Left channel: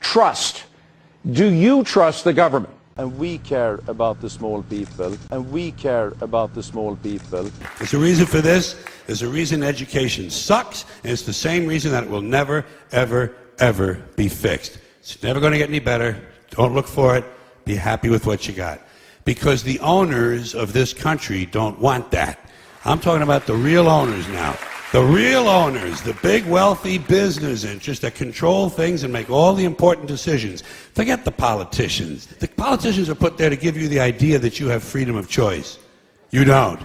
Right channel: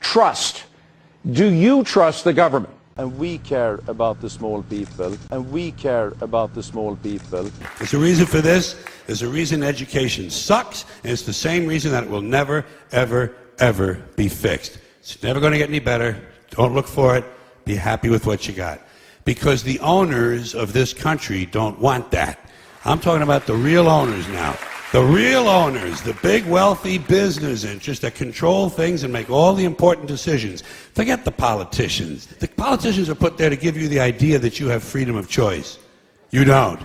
trust. Do you trust the government? And we care about the small people, and we care about the small people. There's a reason for this. There's a reason education sucks, and it's the same reason that it will never, ever, ever be fixed. It's never going to get any better. Don't look for it. Be happy with what you got. Because the owners of this country don't want that. I'm talking about the real owners now. The real owners, the big wealthy business interests that control things and make all the important decisions. Forget the politicians. The politicians are put there to give you the idea that you have freedom of choice. You don't.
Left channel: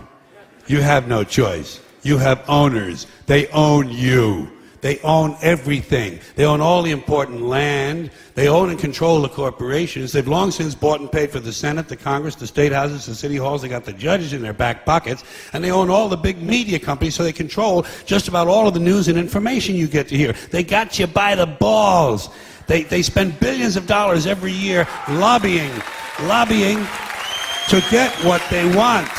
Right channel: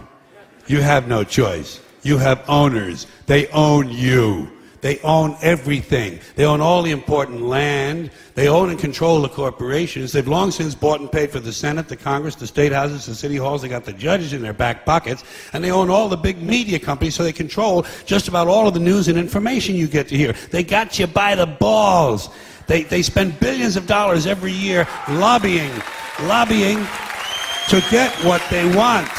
You have no choice. You have owners. They own you. They own everything. They own all the important land. They own and control the corporations. They've long since bought and paid for the Senate, the Congress, the state houses, the city halls. They got the judges in their back pockets. And they own all the big media companies, so they control just about all of the news and information you get to hear. They got you by the balls. They spend billions of dollars every year lobbying to get what they want.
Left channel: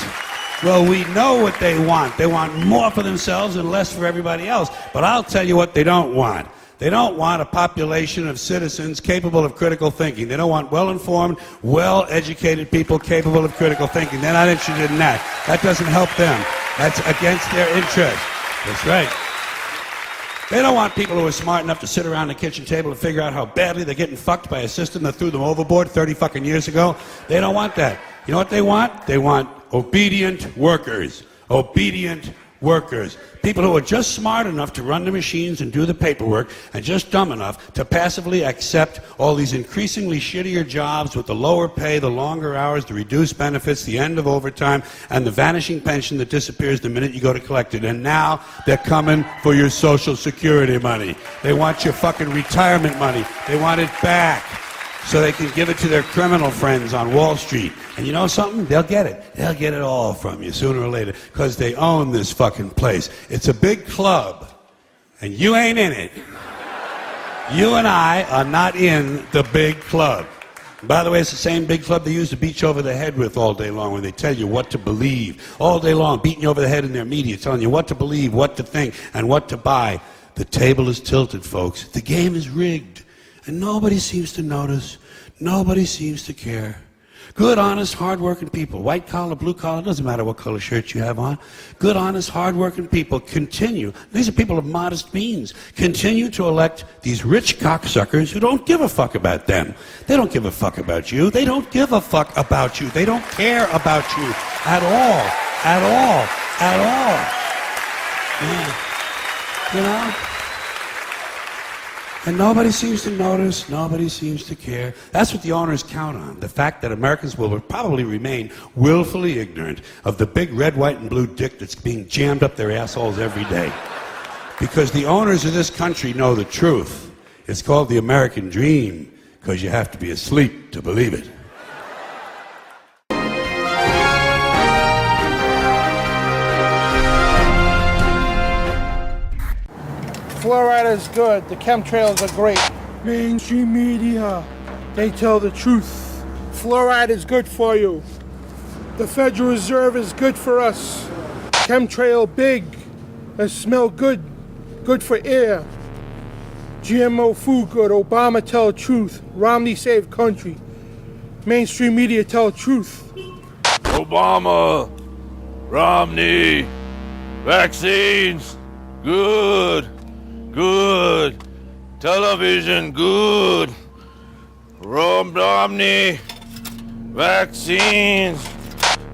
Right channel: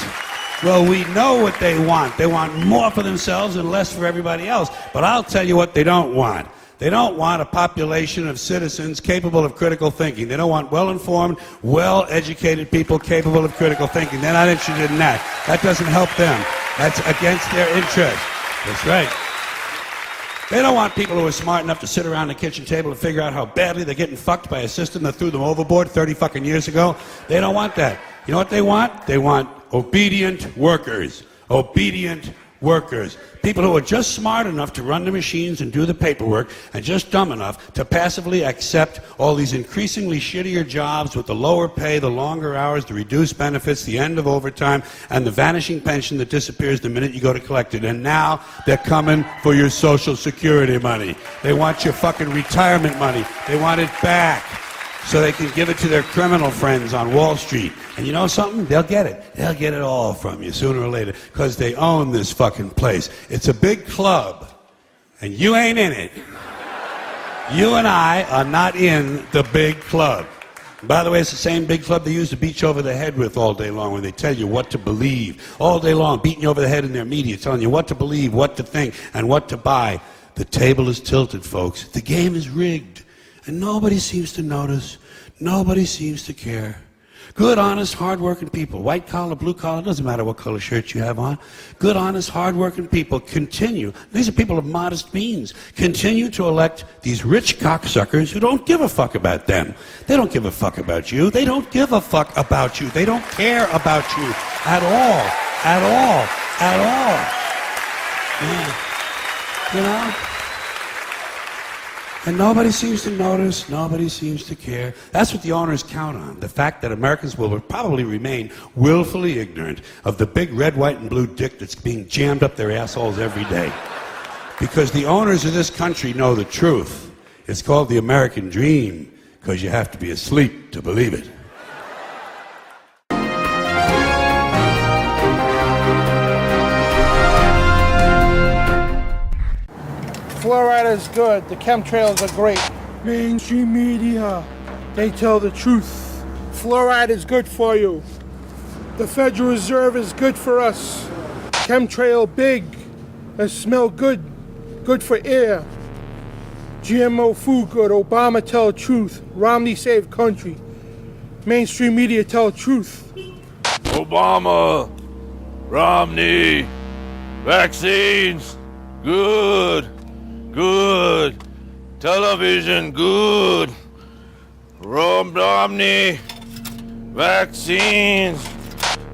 Well, we know what they want. They want more for themselves and less for everybody else. But I'll tell you what they don't want. They don't want a population of citizens capable of critical thinking. They don't want well-informed, well-educated people capable of critical thinking. They're not interested in that. That doesn't help them. That's against their interest. That's right. They don't want people who are smart enough to sit around the kitchen table and figure out how badly they're getting fucked by a system that threw them overboard 30 fucking years ago. They don't want that. You know what they want? They want obedient workers. Obedient workers. People who are just smart enough to run the machines and do the paperwork, and just dumb enough to passively accept all these increasingly shittier jobs with the lower pay, the longer hours, the reduced benefits, the end of overtime, and the vanishing pension that disappears the minute you go to collect it. And now they're coming for your Social Security money. They want your fucking retirement money. They want it back so they can give it to their criminal friends on Wall Street. And you know something? They'll get it. They'll get it all from you sooner or later, because they own this fucking place. It's a big club, and you ain't in it. You and I are not in the big club. By the way, it's the same big club they use to beat you over the head with all day long when they tell you what to believe. All day long, beating you over the head in their media, telling you what to believe, what to think, and what to buy. The table is tilted, folks. The game is rigged. And nobody seems to notice. Nobody seems to care. Good, honest, hard-working people, white collar, blue collar, doesn't matter what color shirt you have on. Good, honest, hard-working people continue. These are people of modest means. Continue to elect these rich cocksuckers who don't give a fuck about them. They don't give a fuck about you. They don't give a fuck about you. They don't care about you at all. At all. At all. Yeah. You know? And nobody seems to notice, nobody seems to care. That's what the owners count on, the fact that Americans will probably remain willfully ignorant of the big red, white, and blue dick that's being jammed up their assholes every day. Because the owners of this country know the truth. It's called the American dream, because you have to be asleep to believe it. Fluoride is good. The chemtrails are great. Mainstream media, they tell the truth. Fluoride is good for you. The Federal Reserve is good for us. Chemtrail big. They smell good. Good for air. GMO food good. Obama tell the truth. Romney save country. Mainstream media tell the truth. Obama, Romney, vaccines, good. Good. Television, good. Romney, vaccines,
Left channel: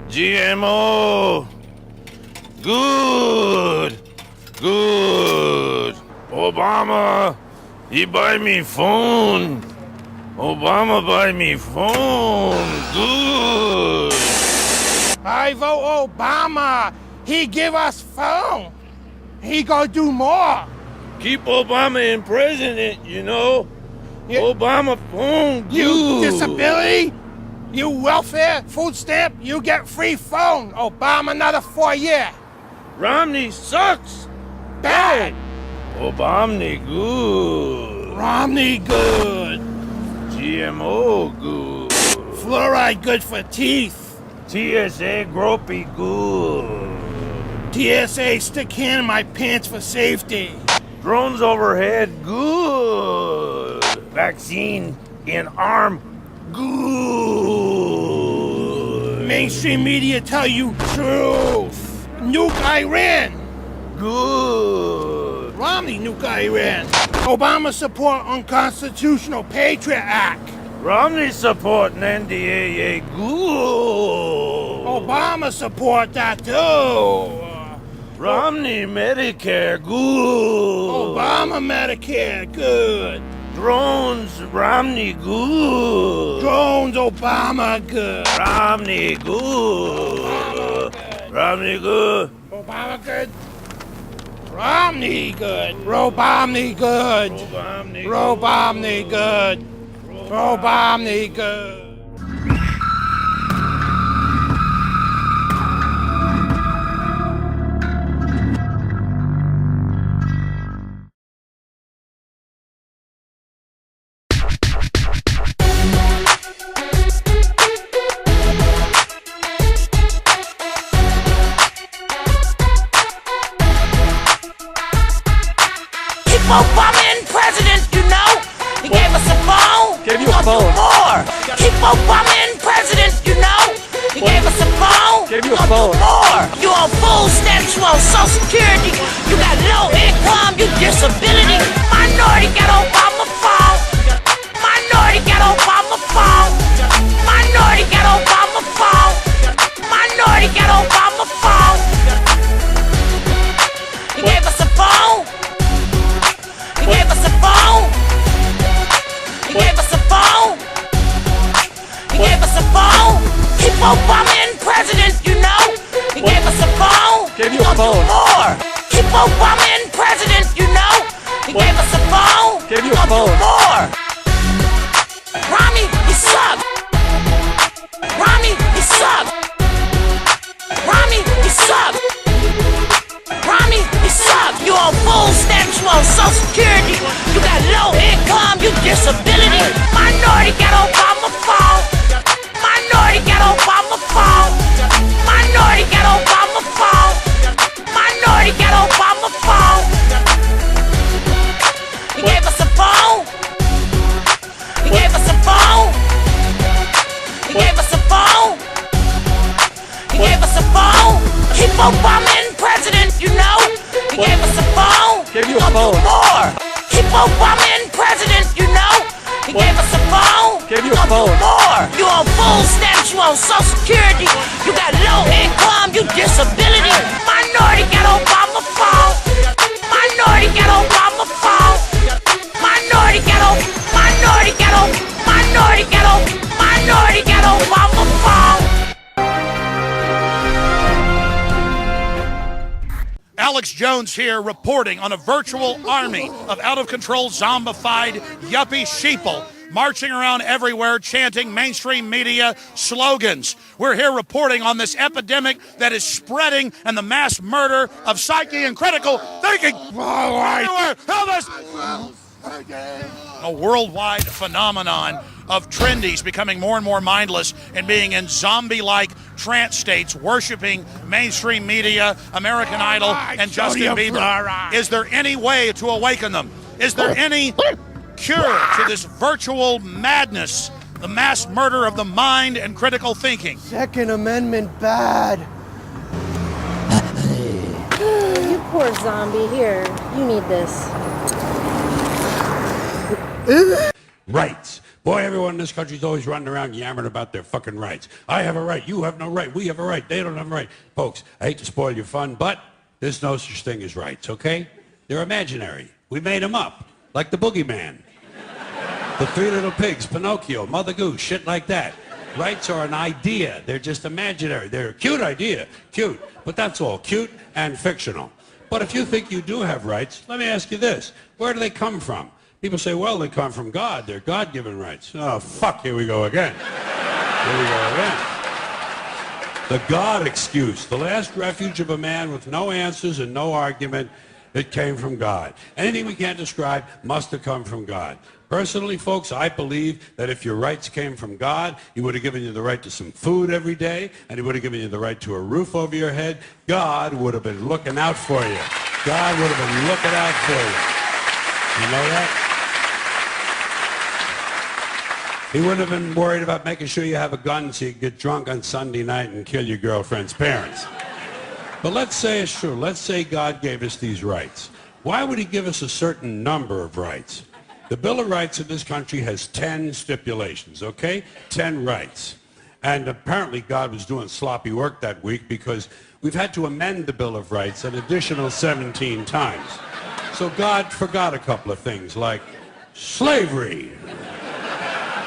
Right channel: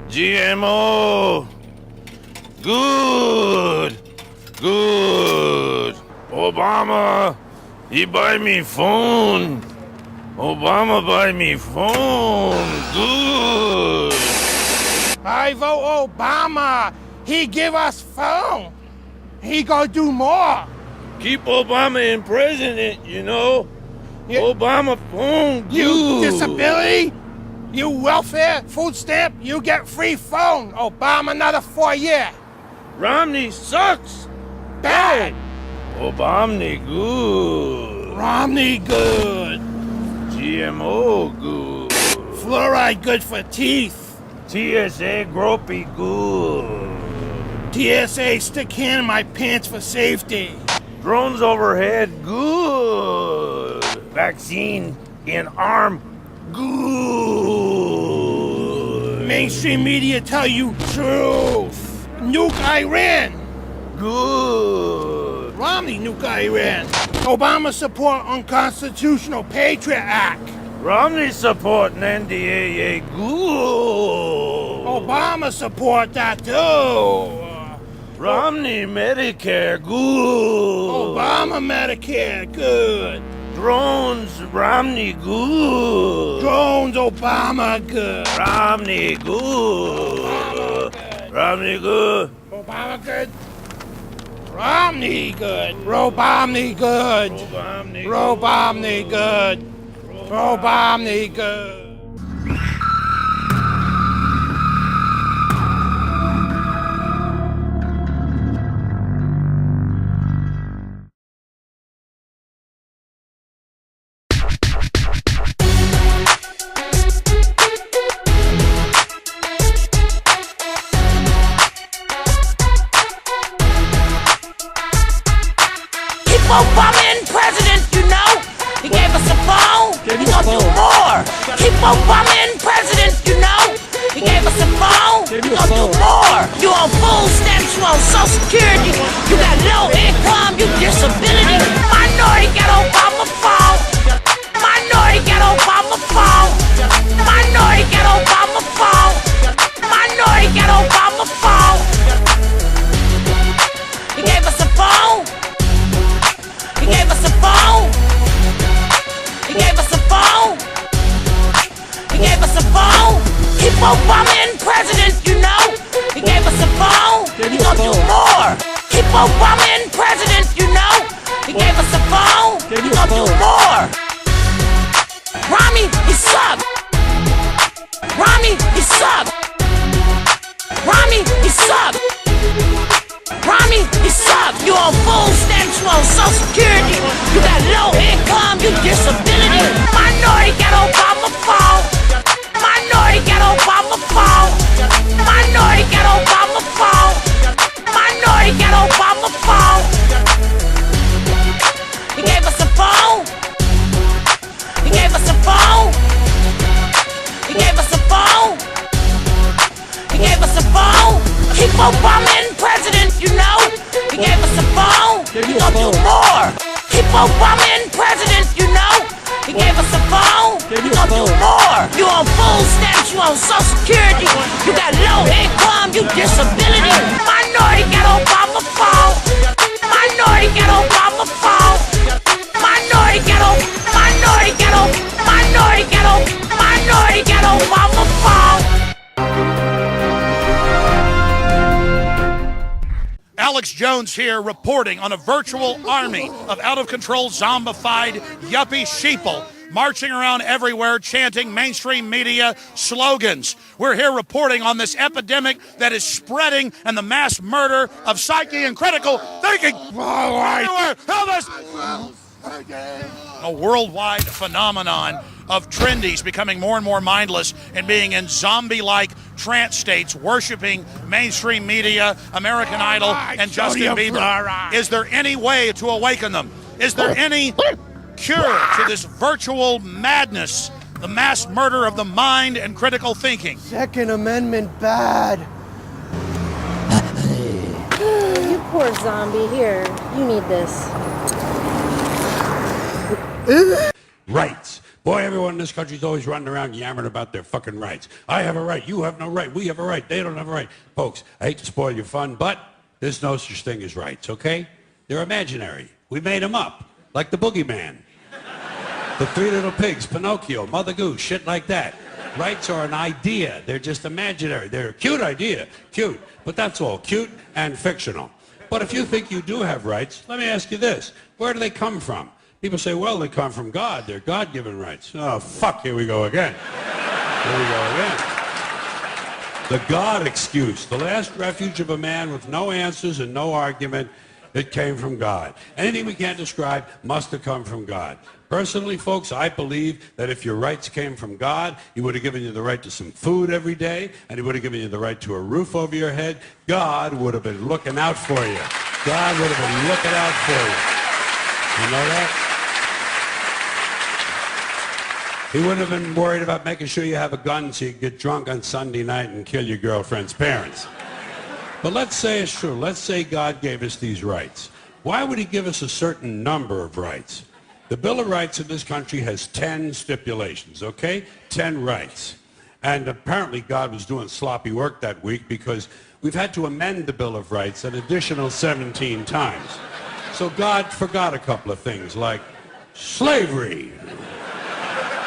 GMO, good. Good. Obama, he buy me phone. Obama buy me phone, good. I vote Obama. He give us phone. He gonna do more. Keep Obama in president, you know. Yeah. Obama phone, good. You disability, you welfare, food stamp, you get free phone. Obama another 4 year. Romney sucks. Bad. Obama good. Romney good. GMO good. Fluoride good for teeth. TSA gropey good. TSA stick hand in my pants for safety. Drones overhead good. Vaccine in arm. Good. Mainstream media tell you truth. Nuke Iran. Good. Romney nuke Iran. Obama support unconstitutional Patriot Act. Romney supporting NDAA. Good. Obama support that too. Romney Medicare. Good. Obama Medicare, good. Drones, Romney. Good. Drones, Obama, good. Romney. Good. Romney. Good. Obama good. Romney good. Romney good. Romney good. Romney good. Obama in president, you know. He gave us a phone. Gave you a phone. More. Keep Obama in president, you know. He gave us a phone. Gave you a phone. More. You on food stamps, you on Social Security. You got low income, you disability. Minority got Obama phone. Minority got Obama phone. Minority got Obama phone. Minority got Obama phone. He gave us a phone. He gave us a phone. He gave us a phone. He gave us a phone. Keep Obama in president, you know. He gave us a phone. Gave you a phone. More. Keep Obama in president, you know. He gave us a phone. Gave you a phone. More. Romney, you suck. Romney, you suck. Romney, you suck. Romney, you suck. You on food stamps, you on Social Security. You got low income, you disability. Minority got Obama phone. Minority got Obama phone. Minority got Obama phone. Minority got Obama phone. He gave us a phone. He gave us a phone. He gave us a phone. He gave us a phone. Keep Obama in president, you know. He gave us a phone. Gave you a phone. More. Keep Obama in president, you know. He gave us a phone. Gave you a phone. More. You on food stamps, you on Social Security. You got low income, you disability. Minority got Obama phone. Minority got Obama phone. Minority got Minority got Minority got Minority got Obama phone. Alex Jones here reporting on a virtual army of out-of-control zombified yuppie sheeple marching around everywhere chanting mainstream media slogans. We're here reporting on this epidemic that is spreading and the mass murder of psyche and critical thinking. Everywhere. Help us! A worldwide phenomenon of trendies becoming more and more mindless and being in zombie-like trance states, worshiping mainstream media, American Idol, and Justin Bieber. Is there any way to awaken them? Is there any cure to this virtual madness, the mass murder of the mind and critical thinking? Second Amendment bad. You poor zombie. Here, you need this. Rights. Boy, everyone in this country's always running around yammering about their fucking rights. I have a right, you have no right, we have a right, they don't have a right. Folks, I hate to spoil your fun, but there's no such thing as rights, okay? They're imaginary. We made them up, like the boogeyman. The Three Little Pigs, Pinocchio, Mother Goose, shit like that. Rights are an idea. They're just imaginary. They're a cute idea, cute, but that's all, cute and fictional. But if you think you do have rights, let me ask you this. Where do they come from? People say, well, they come from God. They're God-given rights. Oh, fuck, here we go again. Here we go again. The God excuse, the last refuge of a man with no answers and no argument, it came from God. Anything we can't describe must have come from God. Personally, folks, I believe that if your rights came from God, he would have given you the right to some food every day, and he would have given you the right to a roof over your head. God would have been looking out for you. God would have been looking out for you. You know that? He wouldn't have been worried about making sure you have a gun so you could get drunk on Sunday night and kill your girlfriend's parents. But let's say it's true. Let's say God gave us these rights. Why would he give us a certain number of rights? The Bill of Rights in this country has 10 stipulations, okay? 10 rights. And apparently God was doing sloppy work that week because we've had to amend the Bill of Rights an additional 17 times. So God forgot a couple of things like slavery.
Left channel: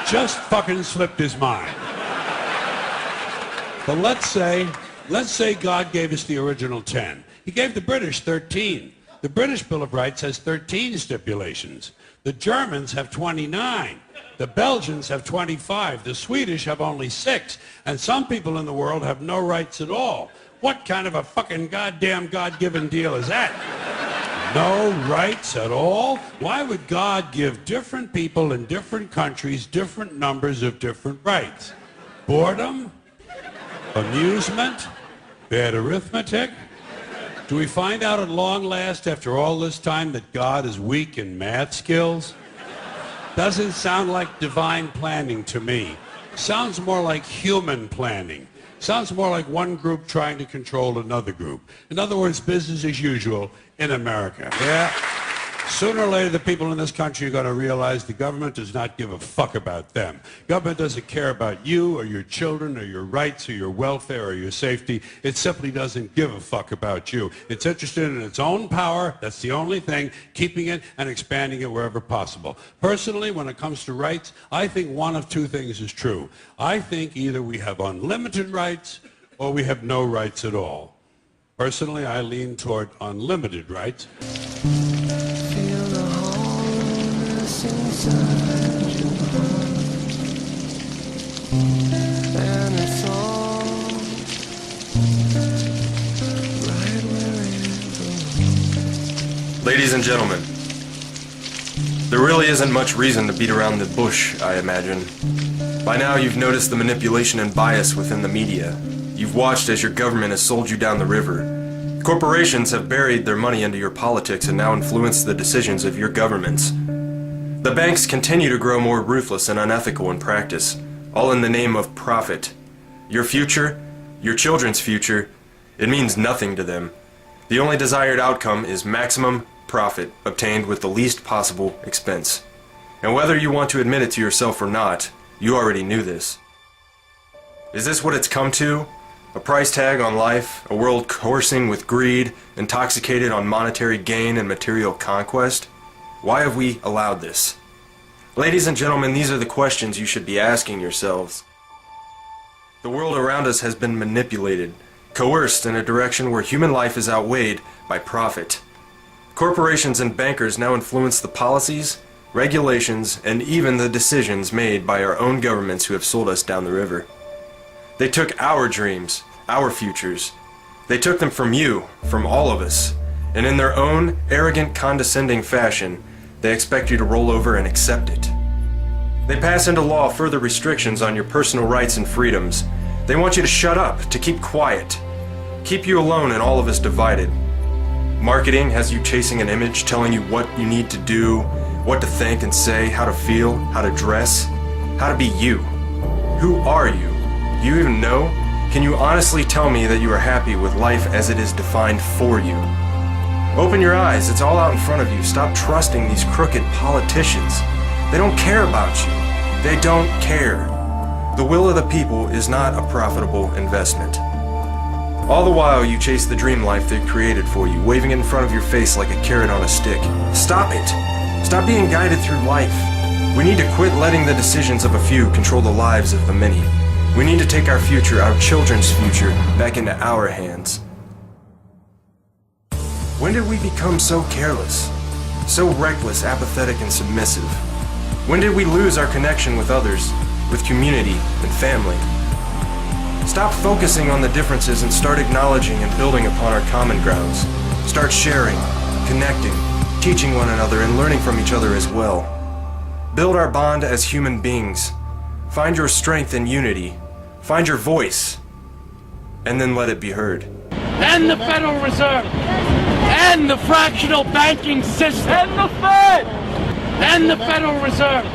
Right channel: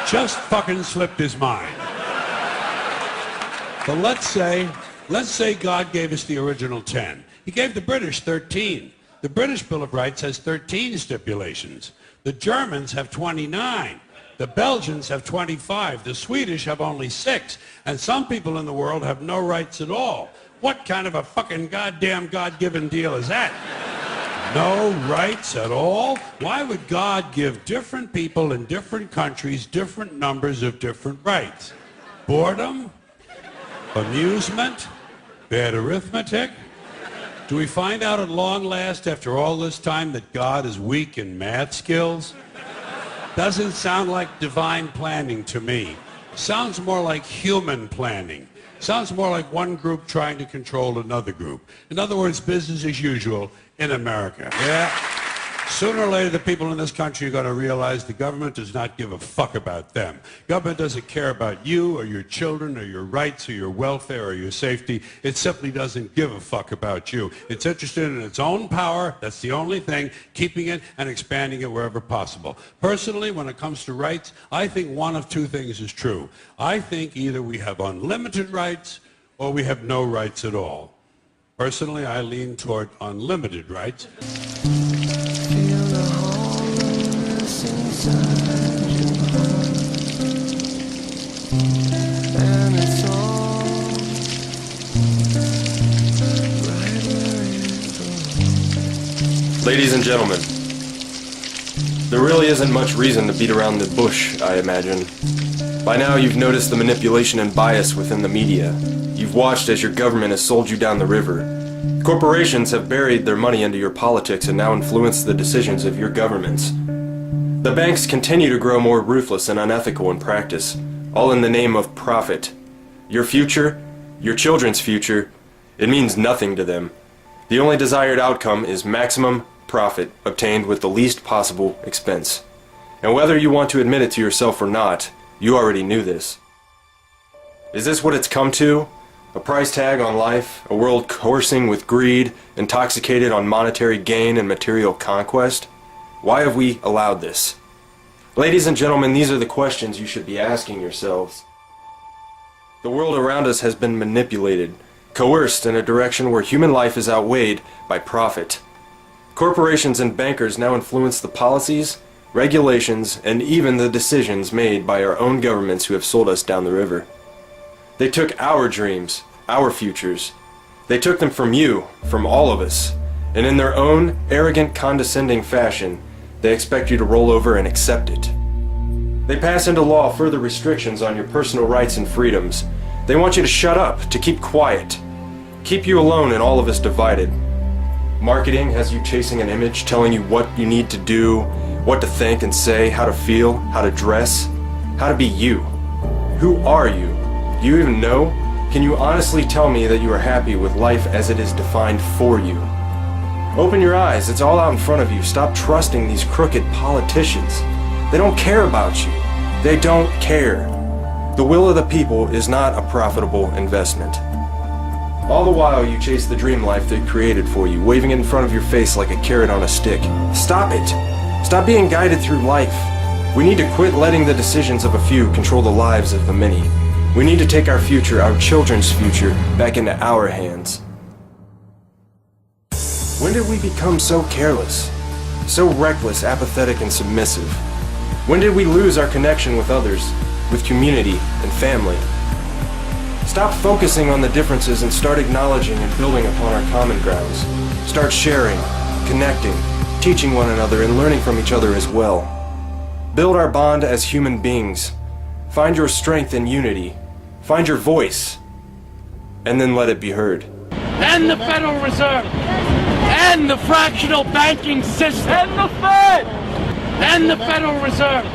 Just fucking slipped his mind. But let's say God gave us the original 10. He gave the British 13. The British Bill of Rights has 13 stipulations. The Germans have 29. The Belgians have 25. The Swedish have only 6. And some people in the world have no rights at all. What kind of a fucking goddamn God-given deal is that? No rights at all? Why would God give different people in different countries different numbers of different rights? Boredom? Amusement? Bad arithmetic? Do we find out at long last after all this time that God is weak in math skills? Doesn't sound like divine planning to me. Sounds more like human planning. Sounds more like one group trying to control another group. In other words, business as usual in America. Yeah. Sooner or later, the people in this country are going to realize the government does not give a fuck about them. Government doesn't care about you or your children or your rights or your welfare or your safety. It simply doesn't give a fuck about you. It's interested in its own power. That's the only thing, keeping it and expanding it wherever possible. Personally, when it comes to rights, I think one of two things is true. I think either we have unlimited rights or we have no rights at all. Personally, I lean toward unlimited rights. Ladies and gentlemen, there really isn't much reason to beat around the bush, I imagine. By now you've noticed the manipulation and bias within the media. You've watched as your government has sold you down the river. Corporations have buried their money into your politics and now influence the decisions of your governments. The banks continue to grow more ruthless and unethical in practice, all in the name of profit. Your future, your children's future, it means nothing to them. The only desired outcome is maximum profit obtained with the least possible expense. And whether you want to admit it to yourself or not, you already knew this. Is this what it's come to? A price tag on life, a world coursing with greed, intoxicated on monetary gain and material conquest? Why have we allowed this? Ladies and gentlemen, these are the questions you should be asking yourselves. The world around us has been manipulated, coerced in a direction where human life is outweighed by profit. Corporations and bankers now influence the policies, regulations, and even the decisions made by our own governments who have sold us down the river. They took our dreams, our futures. They took them from you, from all of us, and in their own arrogant, condescending fashion, they expect you to roll over and accept it. They pass into law further restrictions on your personal rights and freedoms. They want you to shut up, to keep quiet, keep you alone and all of us divided. Marketing has you chasing an image, telling you what you need to do, what to think and say, how to feel, how to dress, how to be you. Who are you? Do you even know? Can you honestly tell me that you are happy with life as it is defined for you? Open your eyes, it's all out in front of you. Stop trusting these crooked politicians. They don't care about you. They don't care. The will of the people is not a profitable investment. All the while you chase the dream life they created for you, waving it in front of your face like a carrot on a stick. Stop it. Stop being guided through life. We need to quit letting the decisions of a few control the lives of the many. We need to take our future, our children's future, back into our hands. When did we become so careless? So reckless, apathetic, and submissive? When did we lose our connection with others, with community and family? Stop focusing on the differences and start acknowledging and building upon our common grounds. Start sharing, connecting, teaching one another, and learning from each other as well. Build our bond as human beings. Find your strength in unity. Find your voice. And then let it be heard. And the Federal Reserve! And the fractional banking system! And the Fed! And the Federal Reserve!